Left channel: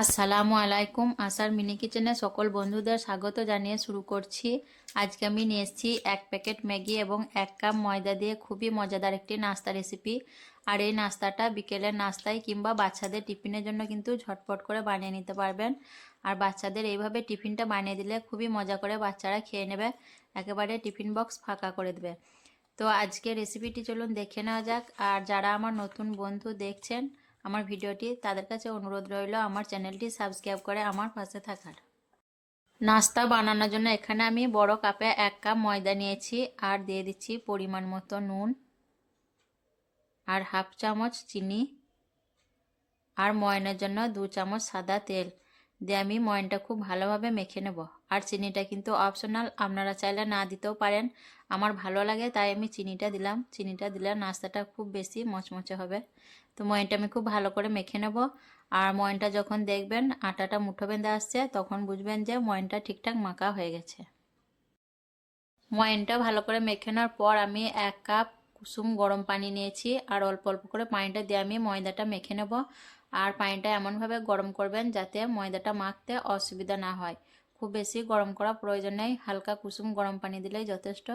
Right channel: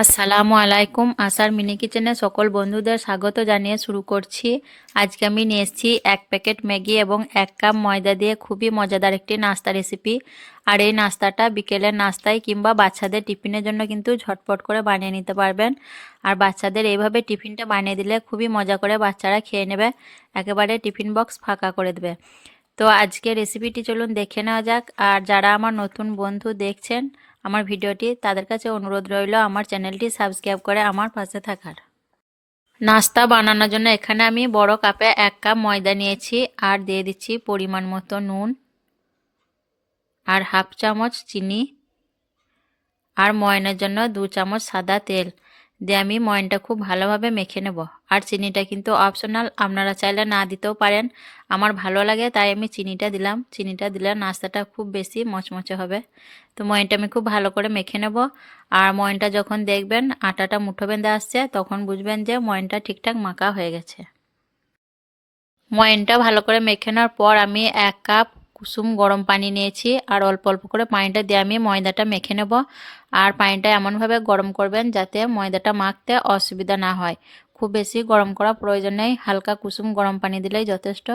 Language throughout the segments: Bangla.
আসসালামু আলাইকুম। আসার মিনি কিচেনে সকল বন্ধুদের স্বাগত জানিয়ে শুরু করছি। আজকে আমি নিয়ে এসেছি 1 প্যাকেট ম্যাগি এবং 1 কাপ ময়দা দিয়ে খুবই মজাদার একটি নাস্তা রেসিপি। আর এই নাস্তাটা বিকেলের নাস্তায় কিংবা বাচ্চাদের টিফিনের জন্য কিন্তু ঝটপট করে বানিয়ে নিতে পারবেন। আর বাচ্চাদের এইভাবে টিফিনটা বানিয়ে দিলে খুবই মজা করে বাচ্চারা খেয়ে নেবে, একেবারে টিফিন বক্স ফাঁকা করে দেবে। তো আজকে রেসিপিটি চলুন দেখে নেওয়া যাক। আর যারা আমার নতুন বন্ধু দেখছেন আমার ভিডিওটি, তাদের কাছে অনুরোধ রইল আমার চ্যানেলটি সাবস্ক্রাইব করে আমার পাশে থাকার। নাস্তা বানানোর জন্য এখানে আমি বড় কাপে 1 কাপ ময়দা নিয়েছি আর দিয়ে দিচ্ছি পরিমাণ মতো নুন আর হাফ চামচ চিনি আর ময়নের জন্য 2 চামচ সাদা তেল দিয়ে আমি ময়নটা খুব ভালোভাবে মেখে নেব। আর চিনিটা কিন্তু অপশনাল, আপনারা চাইলে না দিতেও পারেন। আমার ভালো লাগে তাই আমি চিনিটা দিলাম। চিনিটা দিলে নাস্তাটা খুব বেশি মচমচে হবে। তো ময়নটা আমি খুব ভালো করে মেখে নেব। আর ময়নটা যখন দেখবেন আটাটা মুঠো বেঁধে আসছে, তখন বুঝবেন যে ময়নটা ঠিকঠাক মাখা হয়ে গেছে। ময়নটা ভালো করে মেখে নেওয়ার পর আমি 1 কাপ কুসুম গরম পানি নিয়েছি আর অল্প অল্প করে পানিটা দিয়ে আমি ময়দাটা মেখে নেব। আর পানিটা এমনভাবে গরম করবেন যাতে ময়দাটা মাখতে অসুবিধা না হয়। খুব বেশি গরম করা প্রয়োজন নেই, হালকা কুসুম গরম পানি দিলেই যথেষ্ট।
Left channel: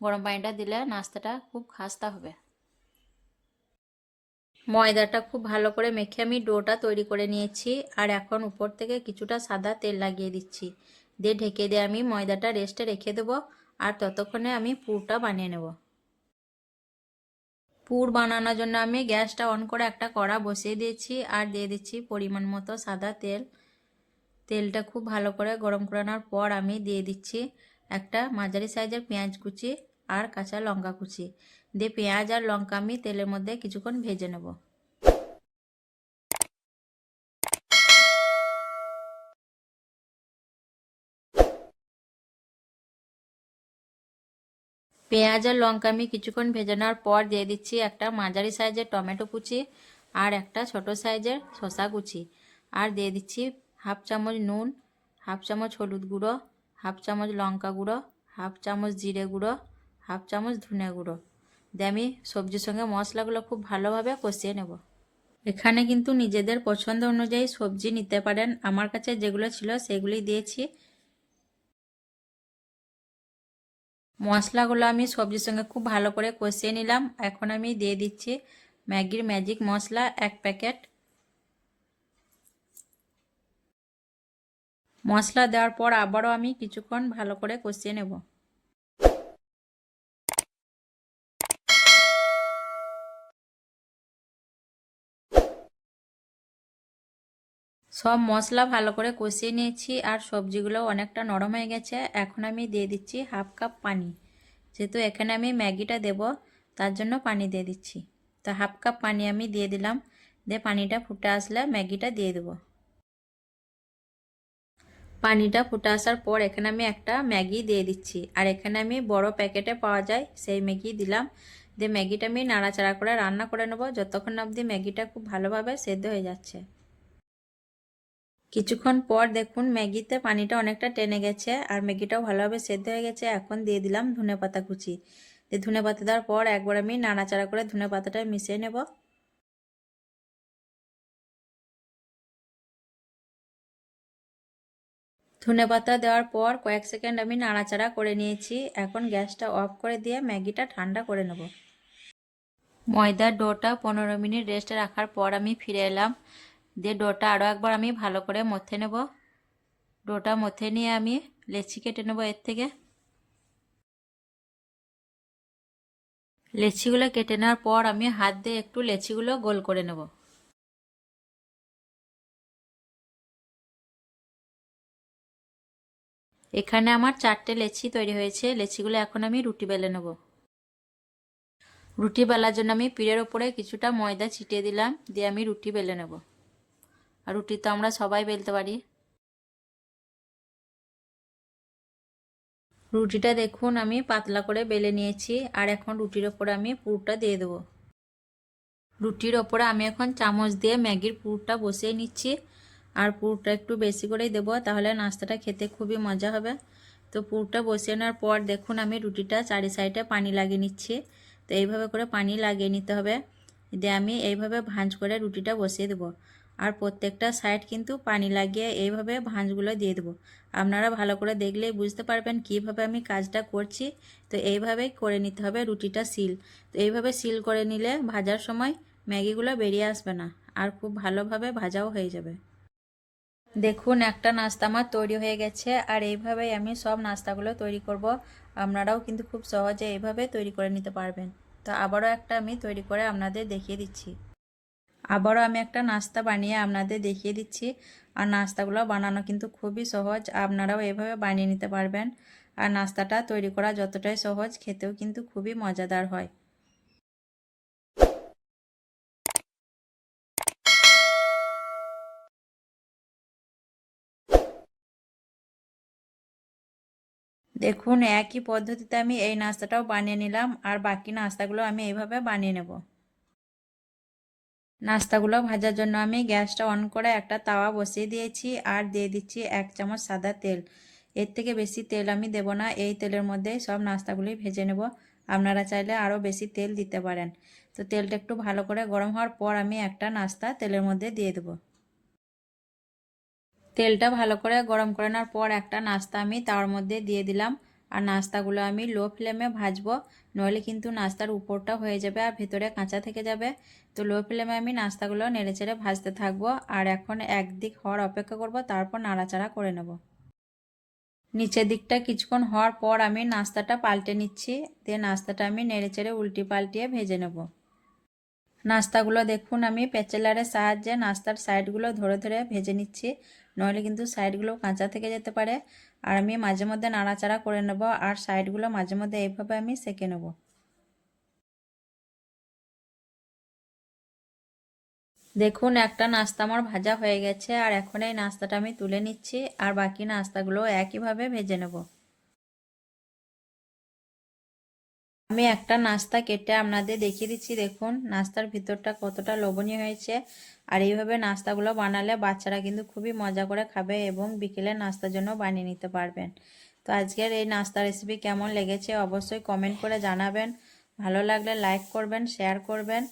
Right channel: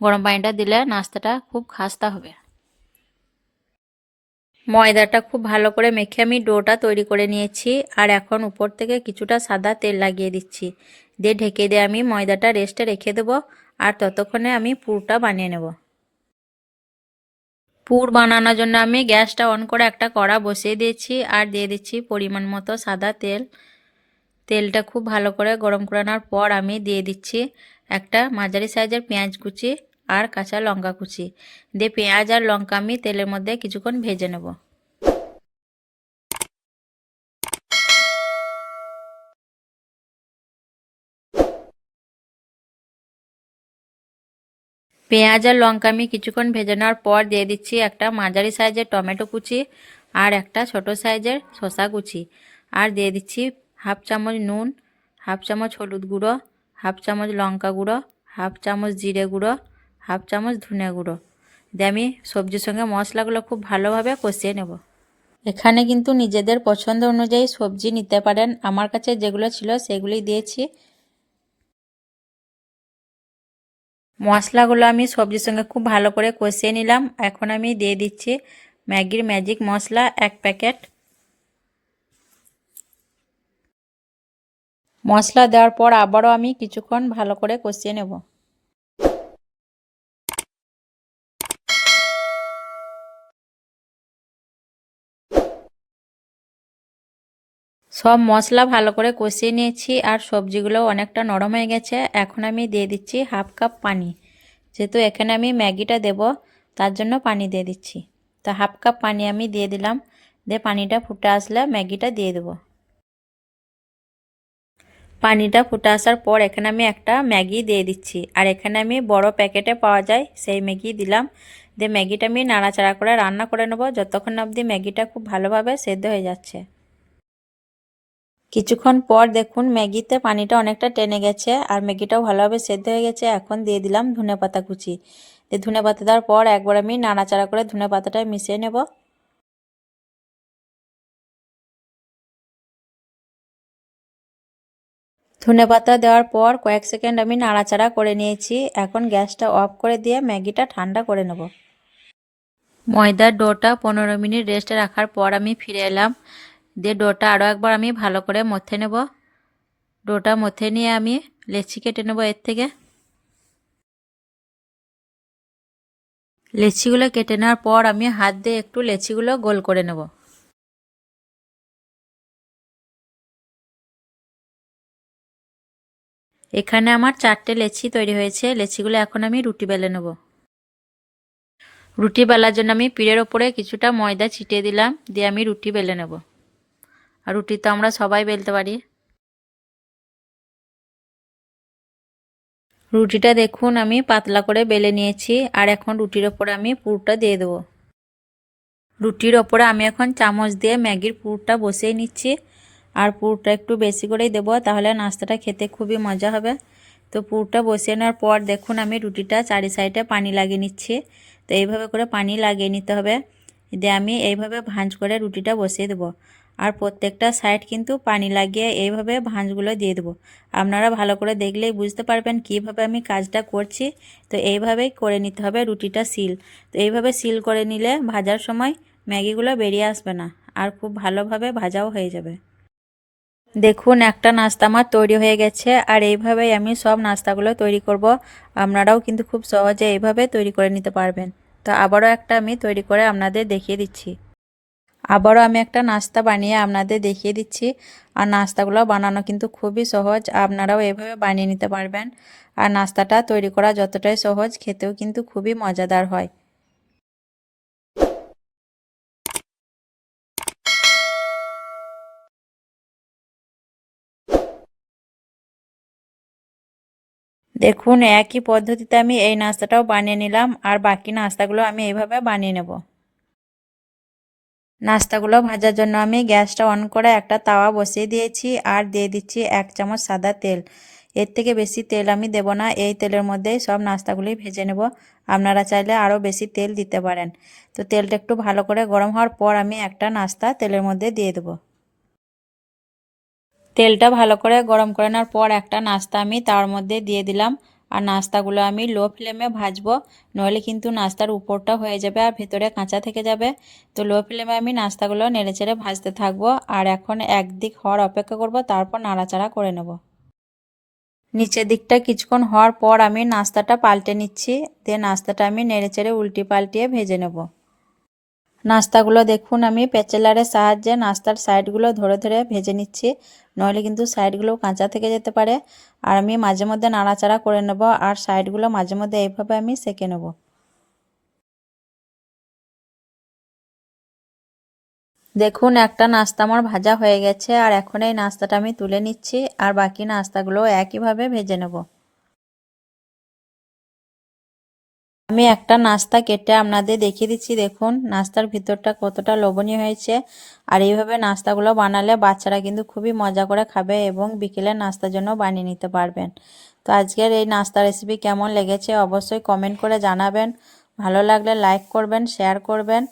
গরম পানিটা দিলে নাস্তাটা খুব খাস্তা হবে। ময়দাটা খুব ভালো করে মেখে আমি ডোটা তৈরি করে নিয়েছি। আর এখন উপর থেকে কিছুটা সাদা তেল লাগিয়ে দিচ্ছি, দিয়ে ঢেকে দিয়ে আমি ময়দাটা রেস্টে রেখে দেবো। আর ততক্ষণে আমি পুরটা বানিয়ে নেব। পুর বানানোর জন্য আমি গ্যাসটা অন করে একটা কড়া বসিয়ে দিয়েছি আর দিয়ে দিচ্ছি পরিমাণ মতো সাদা তেল। তেলটা খুব ভালো করে গরম করানোর পর আমি দিয়ে দিচ্ছি একটা মাঝারি সাইজের পেঁয়াজ কুচি আর কাঁচা লঙ্কা কুচি। দিয়ে পেঁয়াজ আর লঙ্কা আমি তেলের মধ্যে কিছুক্ষণ ভেজে নেব। পেঁয়াজ আর লঙ্কা আমি কিছুক্ষণ ভেজে নেওয়ার পর দিয়ে দিচ্ছি একটা মাঝারি সাইজের টমেটো কুচি আর একটা ছোট সাইজের শসা কুচি। আর দিয়ে দিচ্ছি হাফ চামচ নুন, হাফ চামচ হলুদ গুঁড়ো, হাফ চামচ লঙ্কা গুঁড়ো, হাফ চামচ জিরে গুঁড়ো, হাফ চামচ ধনে গুঁড়ো। দিয়ে আমি সবজির সঙ্গে মশলাগুলো খুব ভালোভাবে কষিয়ে নেব। এখানে কিন্তু নিজেদের পছন্দ অনুযায়ী সবজি নিতে পারেন, আমার কাছে যেগুলো ছিল সেগুলোই দিয়েছি। মশলাগুলো আমি সবজির সঙ্গে খুব ভালো করে কষিয়ে নিলাম। এখন আমি দিয়ে দিচ্ছি ম্যাগির ম্যাজিক মশলা 1 প্যাকেট। মশলা দেওয়ার পর আবারও আমি কিছুক্ষণ ভালো করে কষিয়ে নেব। সব মশলা ভালো করে কষিয়ে নিয়েছি আর সবজিগুলো অনেকটা নরম হয়ে গেছে। এখন আমি দিয়ে দিচ্ছি হাফ কাপ পানি। যেহেতু এখানে আমি ম্যাগিটা দেব তার জন্য পানি দিয়ে দিচ্ছি। তো হাফ কাপ পানি আমি দিয়ে দিলাম। দিয়ে পানিটা ফুটে আসলে ম্যাগিটা দিয়ে দেবো। পানিটা ফুটে আসার পর এখানে আমি একটা ম্যাগি দিয়ে দিচ্ছি। আর এখানে আমি বড় প্যাকেটে পাওয়া যায় সেই ম্যাগি দিলাম। দিয়ে ম্যাগিটা আমি নাড়াচাড়া করে রান্না করে নেব যতক্ষণ অবধি ম্যাগিটা খুব ভালোভাবে সেদ্ধ হয়ে যাচ্ছে। কিছুক্ষণ পর দেখুন ম্যাগিতে পানিটা অনেকটা টেনে গেছে আর ম্যাগিটাও ভালোভাবে সেদ্ধ হয়ে গেছে। এখন দিয়ে দিলাম ধনেপাতা কুচি। দিয়ে ধনেপাতা দেওয়ার পর একবার আমি নাড়াচাড়া করে ধনেপাতাটা মিশিয়ে নেব। ধনেপাতা দেওয়ার পর কয়েক সেকেন্ড আমি নাড়াচাড়া করে নিয়েছি। এখন গ্যাসটা অফ করে দিয়ে ম্যাগিটা ঠান্ডা করে নেব। ময়দার ডোটা 15 মিনিট রেস্টে রাখার পর আমি ফিরে এলাম। দিয়ে ডোটা আরও একবার আমি ভালো করে মথে নেব। ডোটা মথে নিয়ে আমি লেচি কেটে নেব এর থেকে। লেচিগুলো কেটে নেওয়ার পর আমি হাত দিয়ে একটু লেচিগুলো গোল করে নেব। এখানে আমার 4টে লেচি তৈরি হয়েছে। লেচিগুলো এখন আমি রুটি বেলে নেব। রুটি বেলার জন্য আমি পিঠের ওপরে কিছুটা ময়দা ছিটিয়ে দিলাম। দিয়ে আমি রুটি বেলে নেব। আর রুটি তো আমরা সবাই বেলতে পারি। রুটিটা দেখুন আমি পাতলা করে বেলে নিয়েছি। আর এখন রুটির ওপরে আমি পুরটা দিয়ে দেবো। রুটির ওপরে আমি এখন চামচ দিয়ে ম্যাগির পুরটা বসিয়ে নিচ্ছি। আর পুরটা একটু বেশি করেই দেবো, তাহলে নাস্তাটা খেতে খুবই মজা হবে। তো পুরটা বসিয়ে নেওয়ার পর দেখুন আমি রুটিটা চারি সাইডে পানি লাগিয়ে নিচ্ছি। তো এইভাবে করে পানি লাগিয়ে নিতে হবে। দিয়ে আমি এইভাবে ভাঁজ করে রুটিটা বসিয়ে দেবো। আর প্রত্যেকটা সাইড কিন্তু পানি লাগিয়ে এইভাবে ভাঁজগুলো দিয়ে দেবো। আপনারা ভালো করে দেখলেই বুঝতে পারবেন কিভাবে আমি কাজটা করছি। তো এইভাবেই করে নিতে হবে রুটিটা সিল। তো এইভাবে সিল করে নিলে ভাজার সময় ম্যাগিগুলো বেরিয়ে আসবে না, আর খুব ভালোভাবে ভাজাও হয়ে যাবে। দেখুন একটা নাস্তা আমার তৈরি হয়ে গেছে, আর এইভাবেই আমি সব নাস্তাগুলো তৈরি করব। আপনারাও কিন্তু খুব সহজে এইভাবে তৈরি করে নিতে পারবেন। তো আবারও একটা আমি তৈরি করে আপনাদের দেখিয়ে দিচ্ছি। আবারও আমি একটা নাস্তা বানিয়ে আপনাদের দেখিয়ে দিচ্ছি। আর নাস্তাগুলো বানানো কিন্তু খুবই সহজ, আপনারাও এভাবে বানিয়ে নিতে পারবেন। আর নাস্তাটা তৈরি করা যতটাই সহজ, খেতেও কিন্তু খুবই মজাদার হয়। দেখুন একই পদ্ধতিতে আমি এই নাস্তাটাও বানিয়ে নিলাম, আর বাকি নাস্তাগুলো আমি এইভাবে বানিয়ে নেব। নাস্তাগুলো ভাজার জন্য আমি গ্যাসটা অন করে একটা তাওয়া বসিয়ে দিয়েছি, আর দিয়ে দিচ্ছি 1 চামচ সাদা তেল। এর থেকে বেশি তেল আমি দেব না, এই তেলের মধ্যেই সব নাস্তাগুলি ভেজে নেব। আপনারা চাইলে আরও বেশি তেল দিতে পারেন। তো তেলটা একটু ভালো করে গরম হওয়ার পর আমি একটা নাস্তা তেলের মধ্যে দিয়ে দেবো। তেলটা ভালো করে গরম করে নেওয়ার পর একটা নাস্তা আমি তার মধ্যে দিয়ে দিলাম। আর নাস্তাগুলো আমি লো ফ্লেমে ভাজবো, নইলে কিন্তু নাস্তার উপরটা হয়ে যাবে আর ভেতরে কাঁচা থেকে যাবে। তো লো ফ্লেমে আমি নাস্তাগুলো নেড়েচেড়ে ভাজতে থাকবো, আর এখন একদিক হওয়ার অপেক্ষা করব, তারপর নাড়াচাড়া করে নেব। নিচের দিকটা কিছুক্ষণ হওয়ার পর আমি নাস্তাটা পাল্টে নিচ্ছি, দিয়ে নাস্তাটা আমি নেড়েচেড়ে উল্টি পাল্টিয়ে ভেজে নেব। নাস্তাগুলো দেখুন আমি প্যাচেলারের সাহায্যে নাস্তার সাইডগুলো ধরে ধরে ভেজে নিচ্ছি, নইলে কিন্তু সাইডগুলো কাঁচা থেকে যেতে পারে। আর আমি মাঝে মধ্যে নাড়াচাড়া করে নেব, আর সাইডগুলো মাঝে মধ্যে এইভাবে আমি সেঁকে নেব। দেখুন একটা নাস্তা আমার ভাজা হয়ে গেছে, আর এখন এই নাস্তাটা আমি তুলে নিচ্ছি, আর বাকি নাস্তাগুলো একইভাবে ভেজে নেব। আমি একটা নাস্তা কেটে আপনাদের দেখিয়ে দিচ্ছি। দেখুন নাস্তার ভিতরটা কতটা লোভনীয় হয়েছে। আর এইভাবে নাস্তাগুলো বানালে বাচ্চারা কিন্তু খুবই মজা করে খাবে, এবং বিকেলের নাস্তার জন্য বানিয়ে নিতে পারবেন। তো আজকের এই নাস্তা রেসিপি কেমন লেগেছে অবশ্যই কমেন্ট করে জানাবেন। ভালো লাগলে লাইক করবেন, শেয়ার করবেন,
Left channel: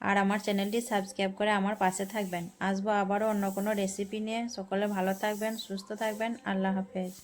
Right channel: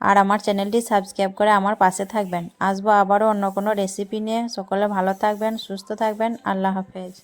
আর আমার চ্যানেলটি সাবস্ক্রাইব করে আমার পাশে থাকবেন। আসবো আবারও অন্য কোনো রেসিপি নিয়ে। সকলে ভালো থাকবেন, সুস্থ থাকবেন। আল্লাহ হাফেজ।